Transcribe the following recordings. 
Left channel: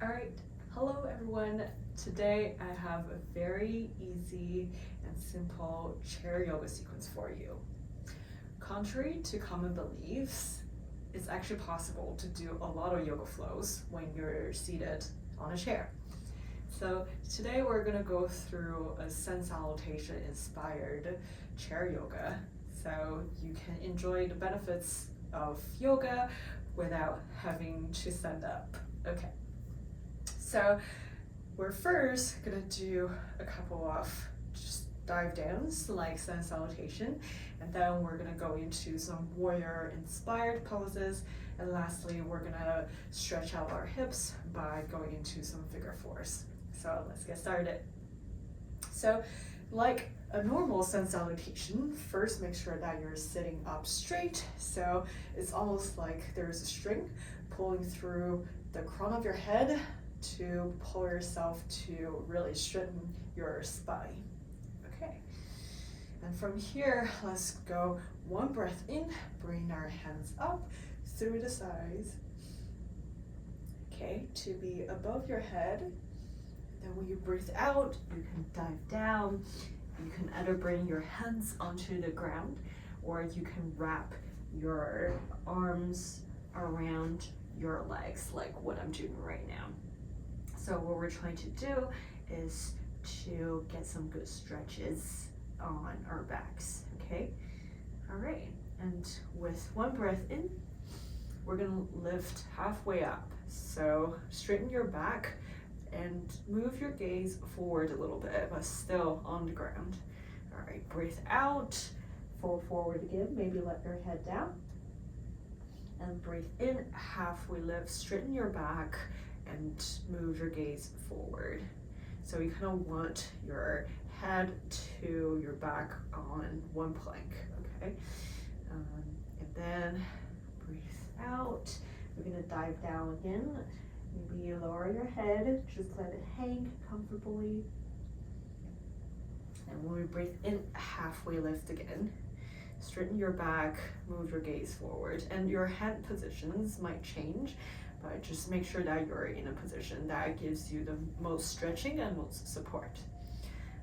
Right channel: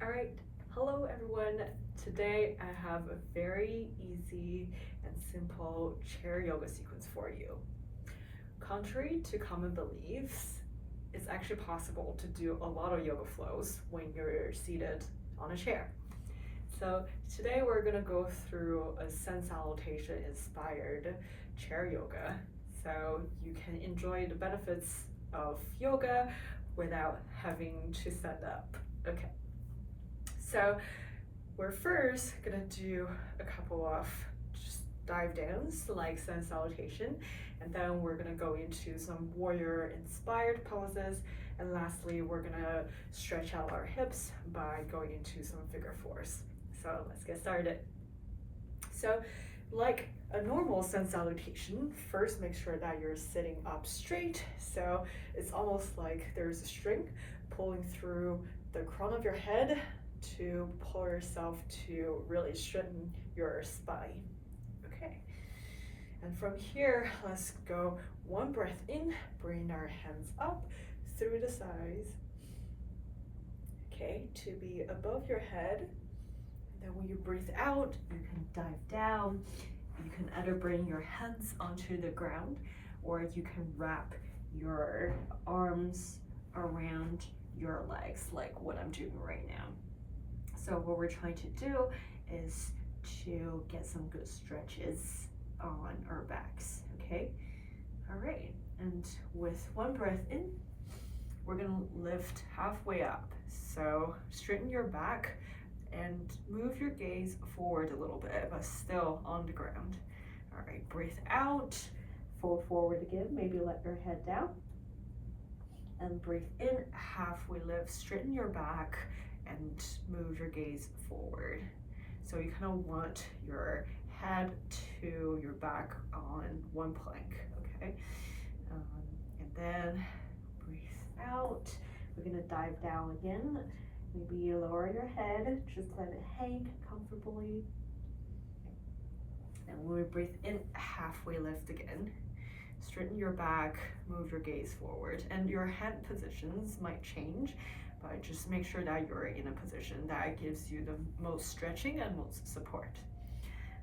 All right, hello everyone. Today I have a very easy and simple chair yoga sequence for you. Contrary to common beliefs, it's actually possible to do a lot of yoga flows when you're seated on a chair. So today we're gonna go through a sun salutation inspired chair yoga so you can enjoy the benefits of yoga without having to stand up. Okay. So we're first gonna do a couple of just dive downs like sun salutation, and then we're gonna go into some warrior inspired poses, and lastly we're gonna stretch out our hips by going into some figure fours. So let's get started. So like a normal sun salutation, first make sure that you're sitting up straight, so it's almost like there's a string pulling through the crown of your head to pull yourself to really straighten your spine. Okay, and from here, let's go one breath in, bring our hands up through the sides, okay, to be above your head. Then when you breathe out, you can dive down. You can either bring your hands onto the ground, or you can wrap your arms around your legs like what I'm doing right now. So what we're trying to do is to get some good stretches on our backs, okay? All right, and with one breath in, we're gonna lift halfway up. So straighten your back and move your gaze forward a little bit, but still on the ground. All right, breathe out, fold forward again, maybe let your head down. And breathe in, halfway lift, straighten your back, and move your gaze forward. So you kind of want your head to your back on one plank, okay? And then breathe out. We're gonna dive down again. Maybe you lower your head, just let it hang comfortably. And when we breathe in, halfway lift again. Straighten your back, move your gaze forward. And your hand positions might change, but just make sure that you're in a position that gives you the most stretching and most support.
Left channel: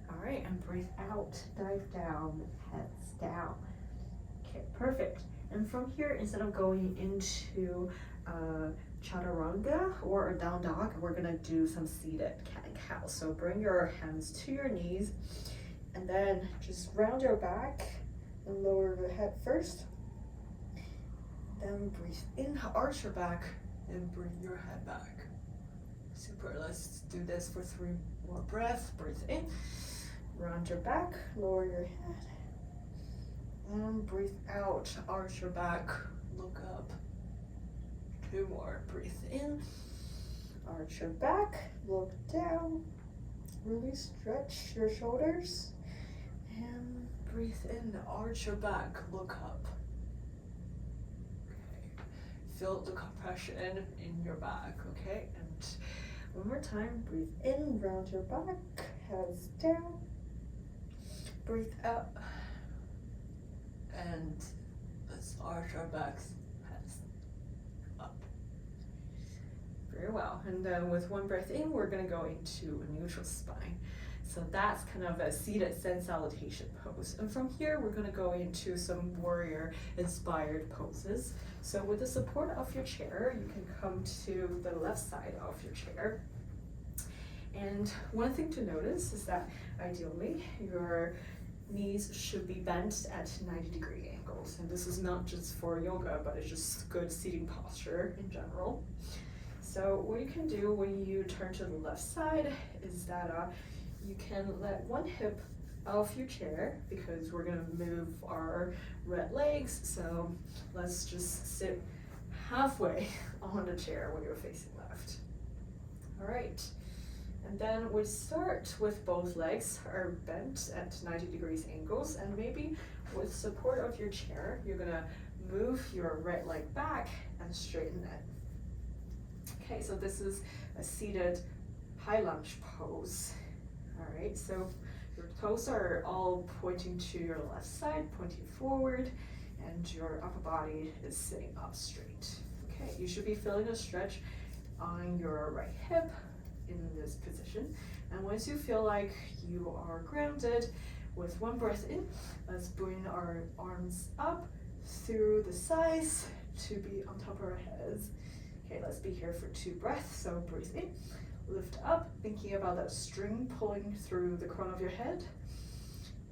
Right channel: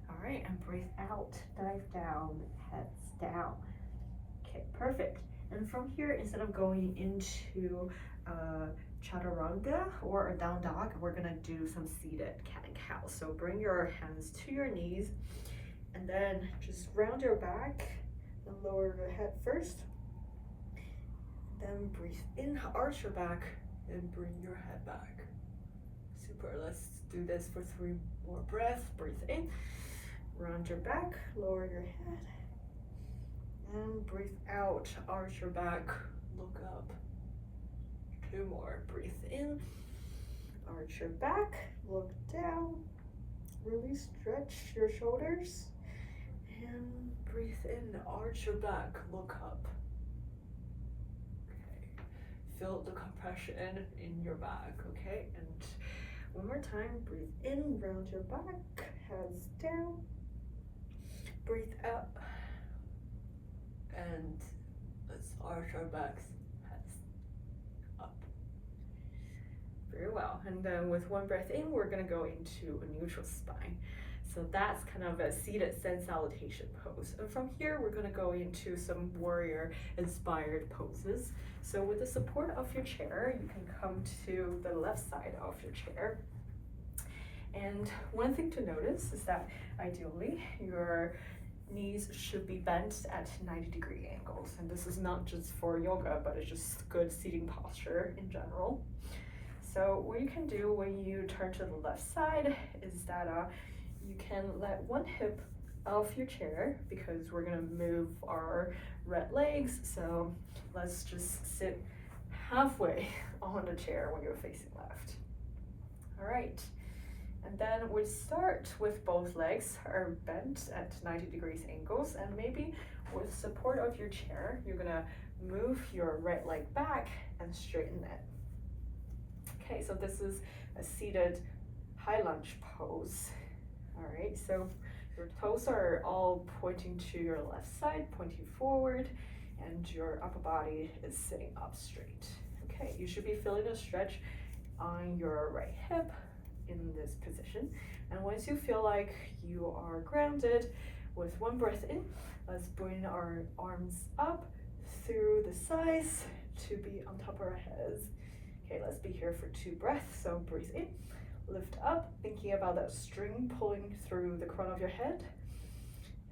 All right, and breathe out, dive down, heads down. Okay, perfect. And from here, instead of going into chaturanga or a down dog, we're gonna do some seated cat and cow. So bring your hands to your knees, and then just round your back and lower your head first. Then breathe in, arch your back, and bring your head back. Super, let's do this for 3 more breaths. Breathe in, round your back, lower your head, and breathe out, arch your back, look up. 2 more, breathe in, arch your back, look down, really stretch your shoulders, and breathe in, arch your back, look up. Feel the compression in your back, okay? And one more time, breathe in, round your back, heads down, breathe up, and let's arch our backs, heads up. Very well, and then with one breath in, we're gonna go into a neutral spine. So that's kind of a seated sun salutation pose. And from here, we're gonna go into some warrior inspired poses. So with the support of your chair, you can come to the left side of your chair. And one thing to notice is that ideally your knees should be bent at 90-degree angles. And this is not just for yoga, but it's just good seating posture in general. So what you can do when you turn to the left side is that you can let one hip off your chair, because we're gonna move our right legs. So let's just sit halfway on the chair when you're facing left. All right, and then we start with both legs are bent at 90 degrees angles, and maybe with support of your chair, you're gonna move your right leg back and straighten it. Okay, so this is a seated high lunge pose. All right, so your toes are all pointing to your left side, pointing forward, and your upper body is sitting up straight. Okay, you should be feeling a stretch on your right hip in this position. And once you feel like you are grounded, with one breath in, let's bring our arms up through the sides to be on top of our heads. Okay, let's be here for 2 breaths. So breathe in, lift up, thinking about that string pulling through the crown of your head.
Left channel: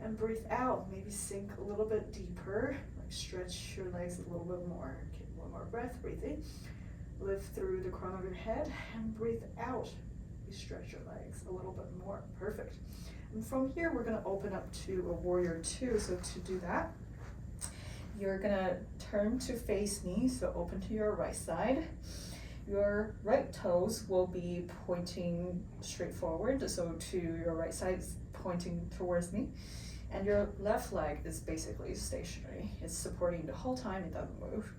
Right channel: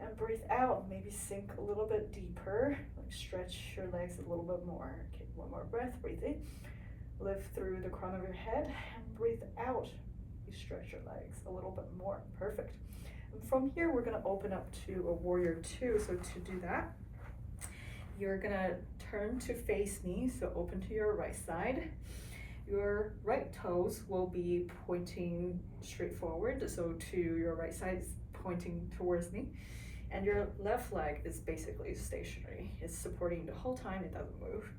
And breathe out, maybe sink a little bit deeper, like stretch your legs a little bit more. Okay, one more breath, breathe in, lift through the crown of your head, and breathe out. You stretch your legs a little bit more, perfect. And from here, we're gonna open up to a warrior 2. So to do that, you're gonna turn to face me, so open to your right side. Your right toes will be pointing straight forward, so to your right side is pointing towards me. And your left leg is basically stationary. It's supporting the whole time, it doesn't move.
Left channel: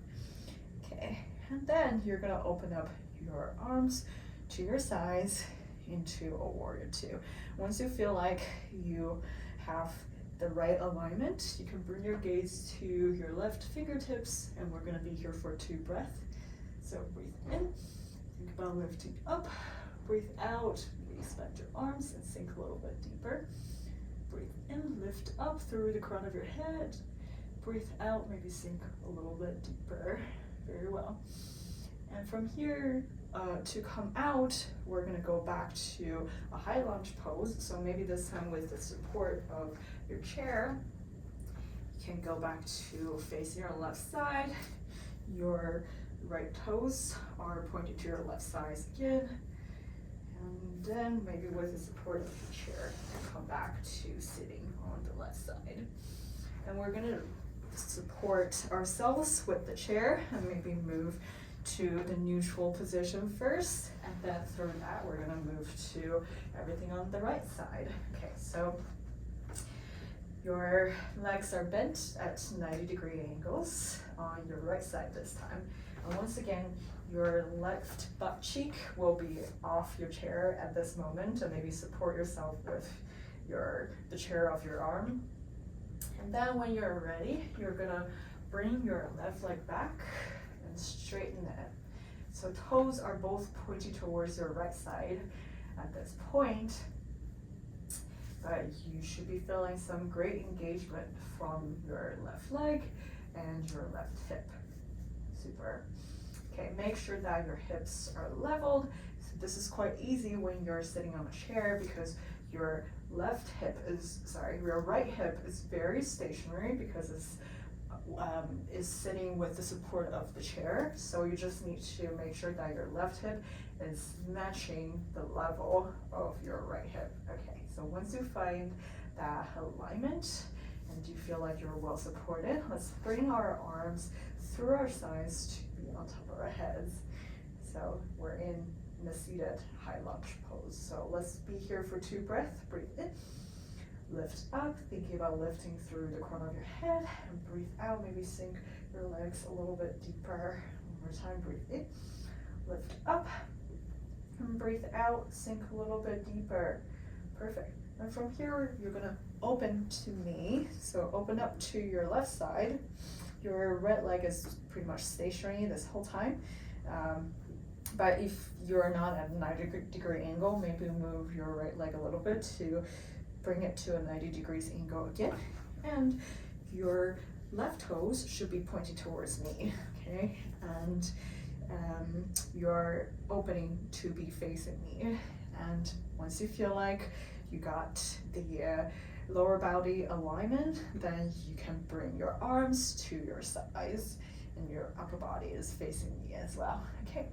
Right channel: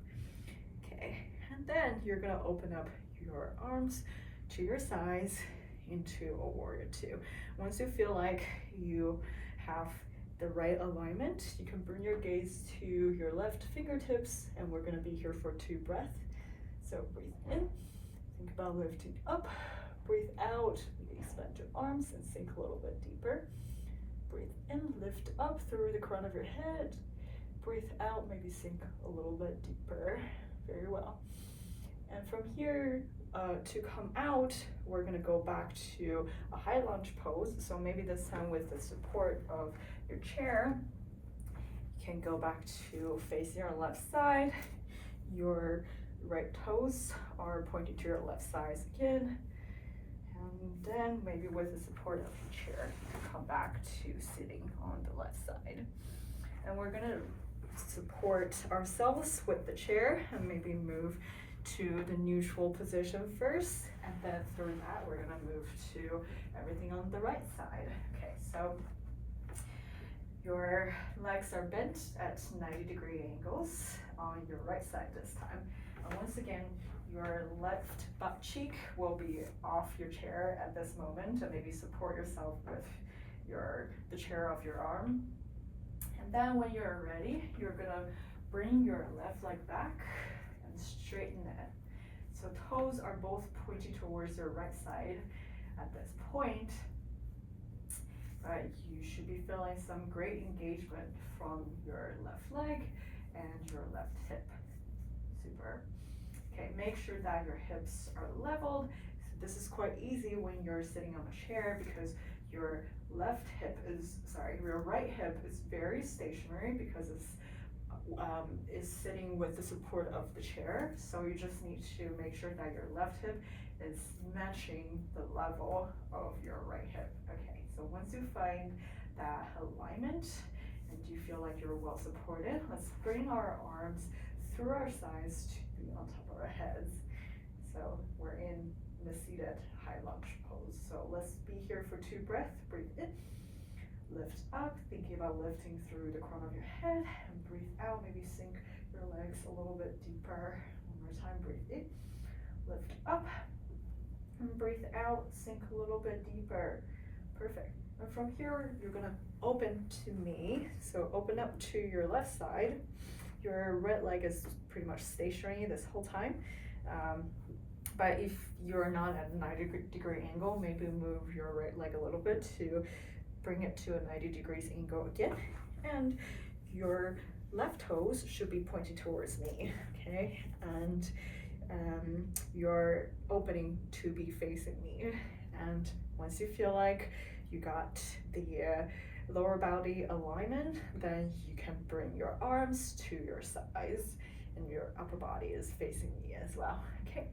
Okay, and then you're gonna open up your arms to your sides into a warrior 2. Once you feel like you have the right alignment, you can bring your gaze to your left fingertips, and we're gonna be here for 2 breaths. So breathe in, think about lifting up, breathe out, expand your arms and sink a little bit deeper. Breathe in, lift up through the crown of your head. Breathe out, maybe sink a little bit deeper. Very well. And from here, to come out, we're gonna go back to a high lunge pose. So maybe this time with the support of your chair, you can go back to facing your left side. Your right toes are pointing to your left side again. And then maybe with the support of your chair, come back to sitting on the left side. And we're gonna support ourselves with the chair and maybe move to the neutral position first, and then through that we're gonna move to everything on the right side. Okay, so your legs are bent at 90-degree angles on your right side this time. And once again, your left butt cheek will be off your chair at this moment, and maybe support yourself with the chair of your arm. And then when you're ready, you're gonna bring your left leg back and straighten it. So toes are both pointing towards your right side at this point, but you should be feeling some great engagement from your left leg and your left hip. Super. Okay, make sure that your hips are leveled. This is quite easy when you're sitting on a chair because your right hip is very stationary because it's is sitting with the support of the chair. So you just need to make sure that your left hip is matching the level of your right hip. Okay, so once you find that alignment and you feel like you're well supported, let's bring our arms through our sides to be on top of our heads. So we're in the seated high lunge pose. So let's be here for 2 breaths. Breathe in, lift up, thinking about lifting through the crown of your head, and breathe out, maybe sink your legs a little bit deeper. One more time, breathe in, lift up, and breathe out, sink a little bit deeper. Perfect. And from here, you're gonna open to me. So open up to your left side. Your right leg is pretty much stationary this whole time. But if you're not at a 90-degree angle, maybe move your right leg a little bit to bring it to a 90 degrees angle again. And your left toes should be pointing towards me, okay? And you're opening to be facing me. And once you feel like you got the lower body alignment, then you can bring your arms to your sides and your upper body is facing me as well, okay?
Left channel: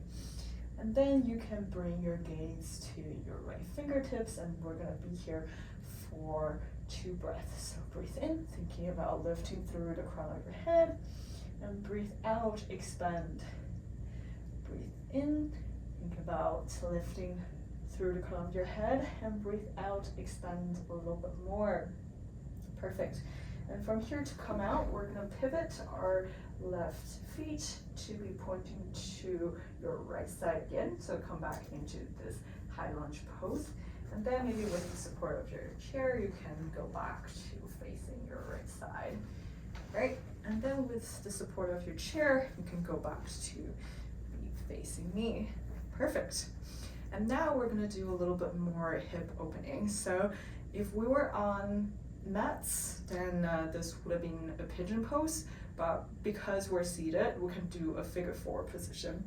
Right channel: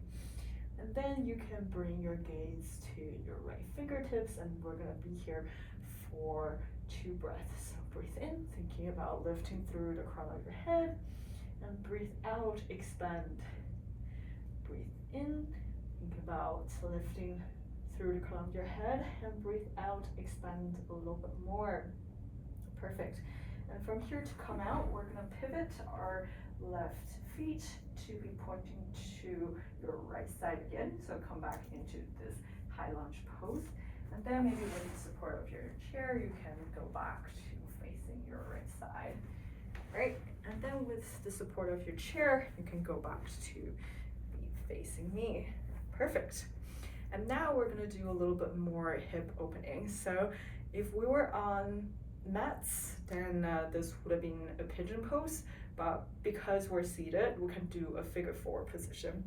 And then you can bring your gaze to your right fingertips, and we're gonna be here for 2 breaths. So breathe in, thinking about lifting through the crown of your head, and breathe out, expand. Breathe in, think about lifting through the crown of your head, and breathe out, expand a little bit more. Perfect. And from here to come out, we're gonna pivot our left feet to be pointing to your right side again. So come back into this high lunge pose. And then maybe with the support of your chair, you can go back to facing your right side. Great. And then with the support of your chair, you can go back to be facing me. Perfect. And now we're gonna do a little bit more hip opening. So if we were on mats, then this would have been a pigeon pose, but because we're seated, we can do a figure four position.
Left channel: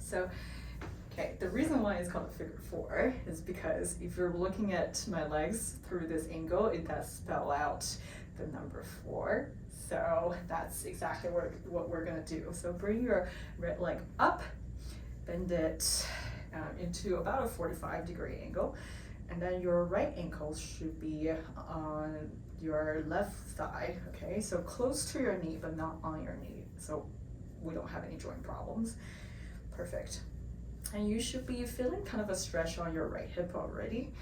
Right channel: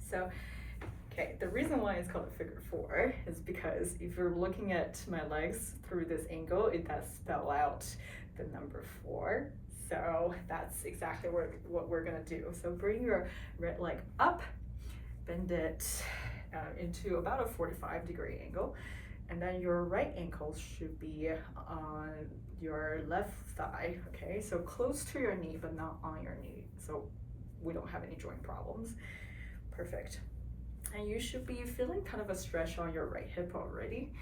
So, okay, the reason why it's called a figure four is because if you're looking at my legs through this angle, it does spell out the number 4. So that's exactly what we're gonna do. So bring your right leg up, bend it into about a 45-degree angle, and then your right ankle should be on your left thigh, okay? So close to your knee, but not on your knee, so we don't have any joint problems. Perfect. And you should be feeling kind of a stretch on your right hip already,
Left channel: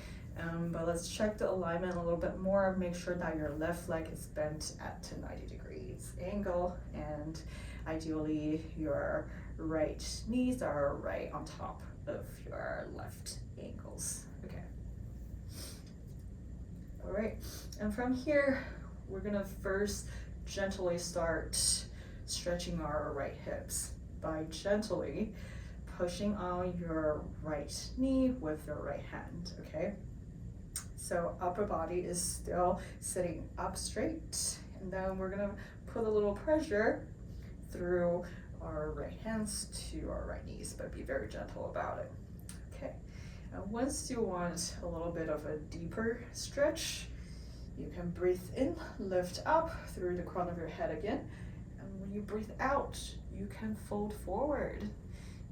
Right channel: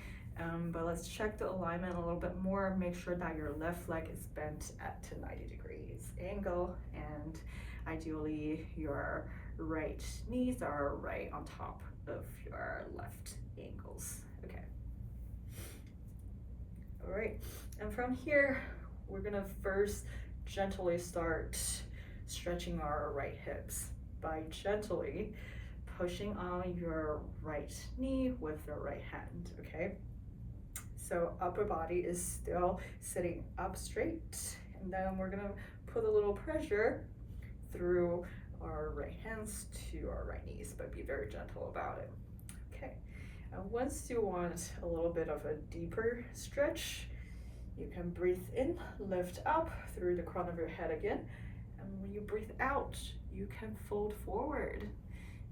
but let's check the alignment a little bit more. Make sure that your left leg is bent at a 90 degrees angle, and ideally your right knees are right on top of your left ankles. Okay. All right, and from here, we're gonna first gently start stretching our right hips by gently pushing on your right knee with your right hand, okay? So upper body is still sitting up straight, and then we're gonna put a little pressure through our right hands to our right knees, but be very gentle about it. Okay, and once you want a little bit of a deeper stretch, you can breathe in, lift up through the crown of your head again, and when you breathe out, you can fold forward.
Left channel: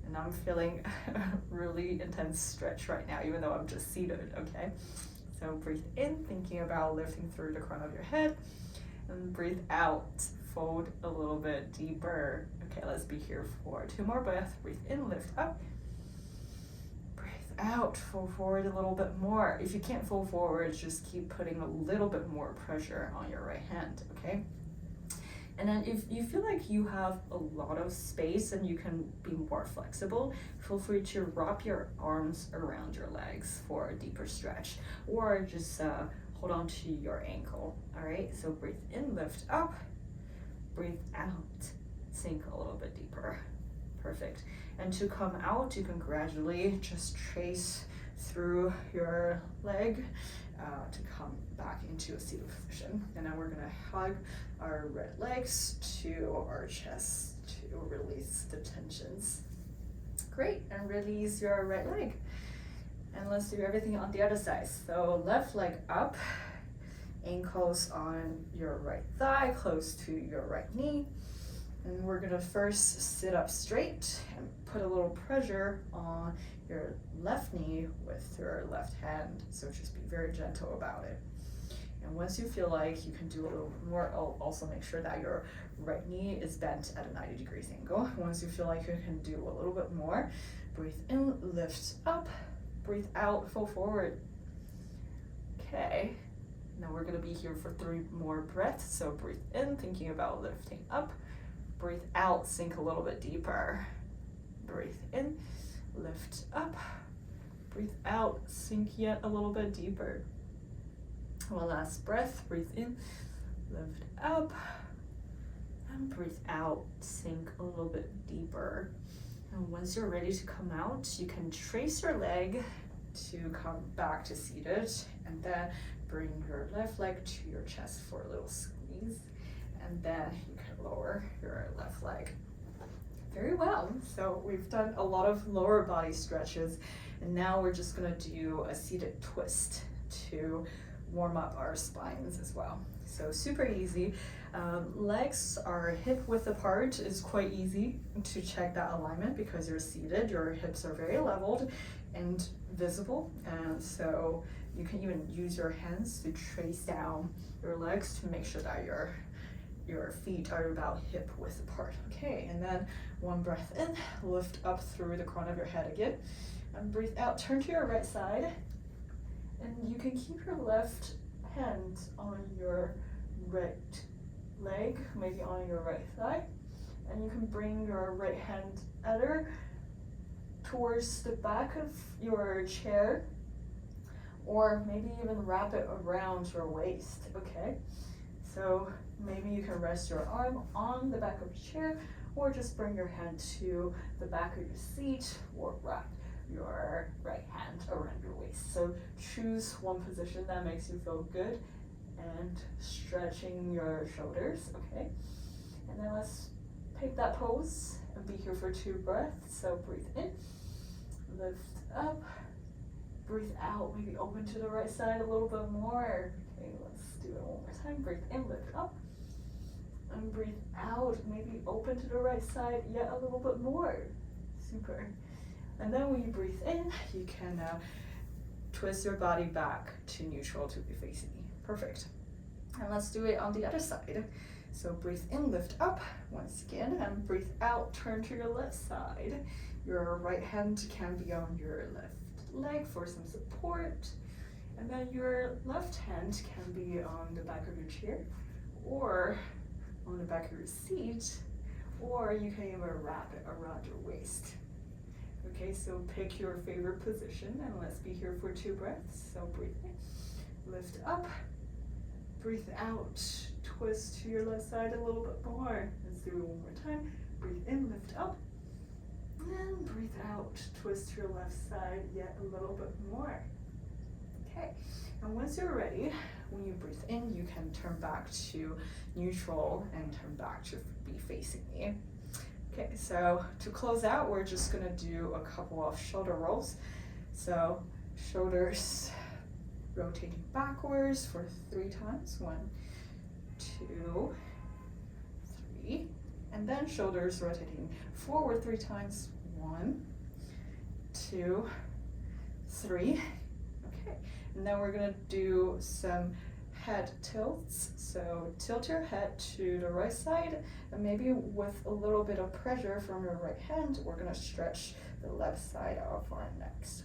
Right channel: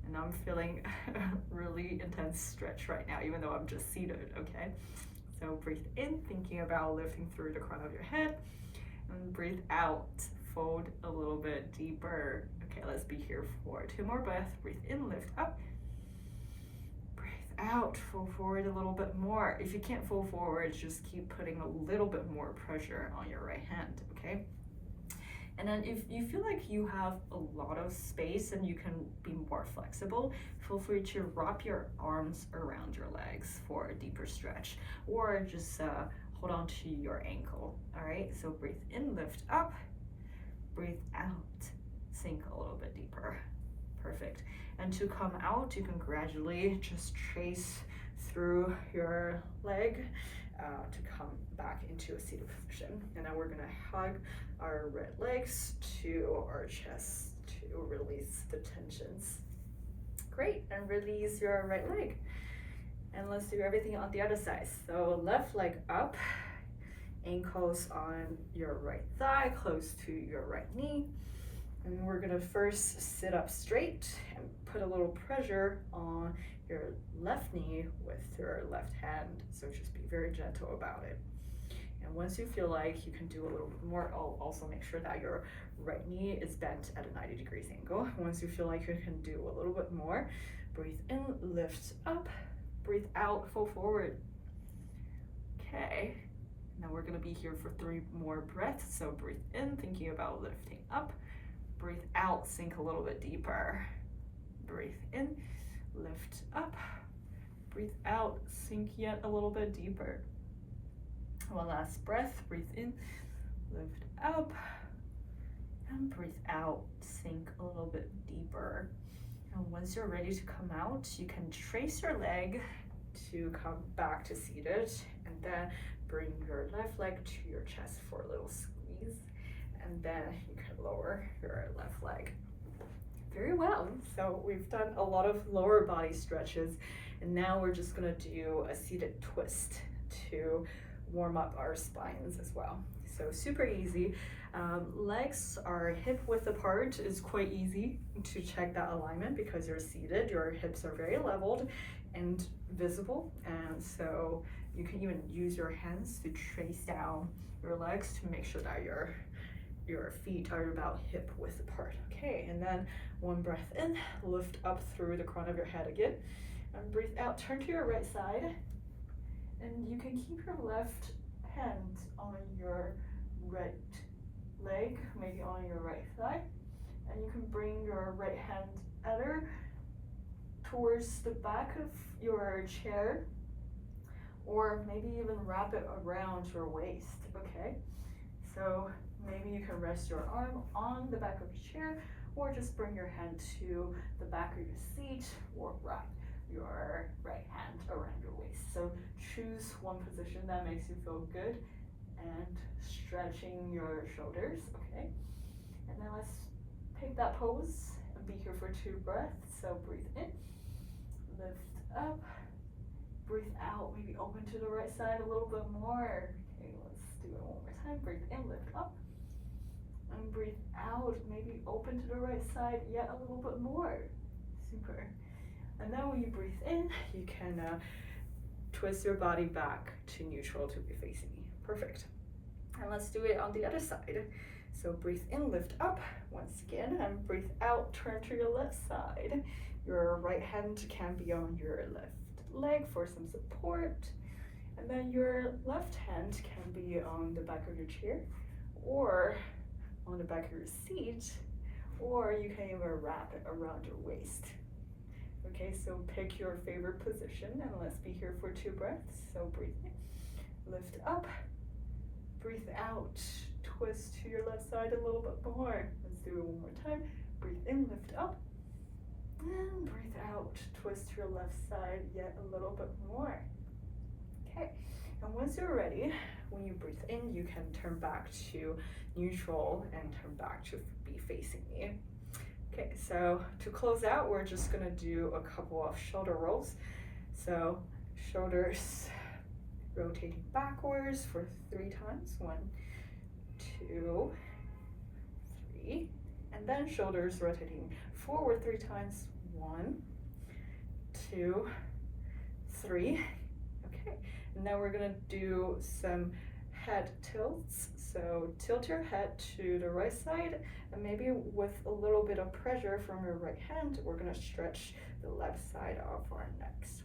And I'm feeling a really intense stretch right now, even though I'm just seated, okay? So breathe in, thinking about lifting through the crown of your head, and breathe out, fold a little bit deeper. Okay, let's be here for 2 more breaths. Breathe in, lift up. Breathe out, fold forward a little bit more. If you can't fold forward, just keep putting a little bit more pressure on your right hand, okay? And then if you feel like you have a lot of space and you can be more flexible, feel free to wrap your arms around your legs for a deeper stretch, or just hold on to your ankle, all right? So breathe in, lift up, breathe out, sink a little bit deeper. Perfect. And to come out, you can gradually just trace through your leg to come back into a seated position. And now we're gonna hug our right legs to our chest to release the tensions. Great, and release your right leg. And let's do everything on the other side. So left leg up, ankles on your right thigh, close to your right knee. And we're gonna first sit up straight and put a little pressure on your left knee with your left hand. So just be very gentle about it. And once you feel like you can do a little bit more, I'll also make sure that your right knee is bent at a 90 degrees angle. Once you feel like you can do a little bit more, breathe in, lift up, breathe out, fold forward. Okay, now we're gonna be here for 3 more breaths. So breathe in, thinking about lifting up, breathe out, sink a little bit deeper. Breathe in, lift up, breathe out, sink yet a little bit deeper. One last breath, breathe in, lift up, and breathe out, sink a little bit deeper. And once you're ready to come out, you can trace your leg to come back to seated, and then bring your left leg to your chest for a little squeeze, and then you can lower your left leg. Very well, so we've done a lot of lower body stretches, and now we're just gonna do a seated twist to warm up our spines as well. So super easy. Legs are hip width apart. Is quite easy to check that alignment because you're seated, your hips are very leveled and visible, and so you can even use your hands to trace down your legs to make sure that your feet are about hip width apart. Okay, and then 1 breath in, lift up through the crown of your head again, and breathe out, turn to your right side, and you can keep your left hand on your right leg, maybe on your right thigh, and you can bring your right hand either towards the back of your chair, or maybe even wrap it around your waist, okay? So maybe you can rest your arm on the back of the chair, or just bring your hand to the back of your seat, or wrap your right hand around your waist. So choose one position that makes you feel good and stretching your shoulders, okay? And then let's pick that pose and be here for 2 breaths. So breathe in, lift up, breathe out, maybe open to the right side a little bit more. Okay, let's do it one more time. Breathe in, lift up, and breathe out, maybe open to the right side yet a little bit more. Super. And then when you breathe in, you can twist your body back to neutral to be facing me. Perfect. And let's do it on the other side. So breathe in, lift up once again, and breathe out, turn to your left side. Your right hand can be on your left leg for some support, and then your left hand can be on the back of your chair or on the back of your seat, or you can even wrap it around your waist. Okay, so pick your favorite position, and let's be here for 2 breaths. So breathe in, lift up, breathe out, twist to your left side a little bit more. Let's do it one more time. Breathe in, lift up, and breathe out, twist to your left side yet a little bit more. Okay, and once you're ready, when you breathe in, you can turn back to neutral and turn back to be facing me. Okay, so to close out, we're just gonna do a couple of shoulder rolls. So shoulders rotating backwards for 3 times. 1, 2, 3. And then shoulders rotating forward 3 times. 1, 2, 3. Okay, and now we're gonna do some head tilts. So tilt your head to the right side, and maybe with a little bit of pressure from your right hand, we're gonna stretch the left side of our necks.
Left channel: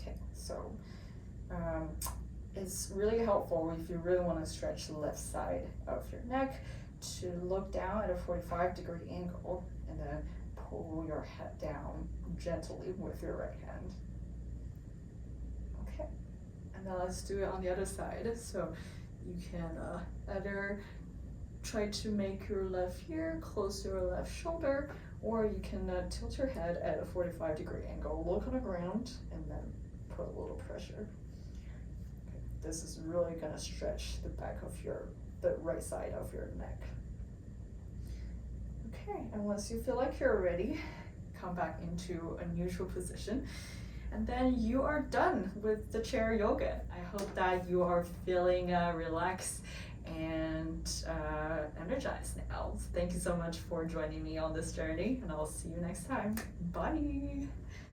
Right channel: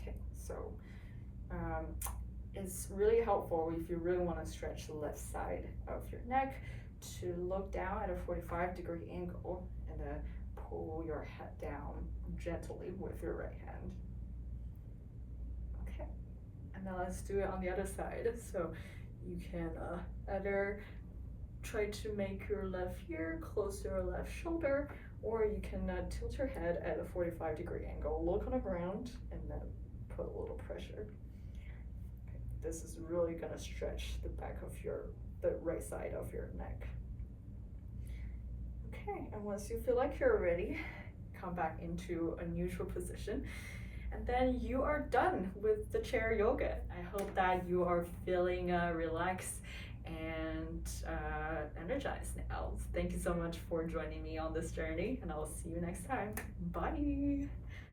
Okay, so it's really helpful if you really want to stretch the left side of your neck to look down at a 45-degree angle and then pull your head down gently with your right hand. Okay, and then let's do it on the other side. So you can either try to make your left ear close to your left shoulder, or you can tilt your head at a 45-degree angle, look on the ground, and then put a little pressure. Okay, this is really gonna stretch the back of the right side of your neck. Okay, and once you feel like you're ready, come back into a neutral position. And then you are done with the chair yoga. I hope that you are feeling relaxed and energized now. Thank you so much for joining me on this journey, and I'll see you next time. Bye.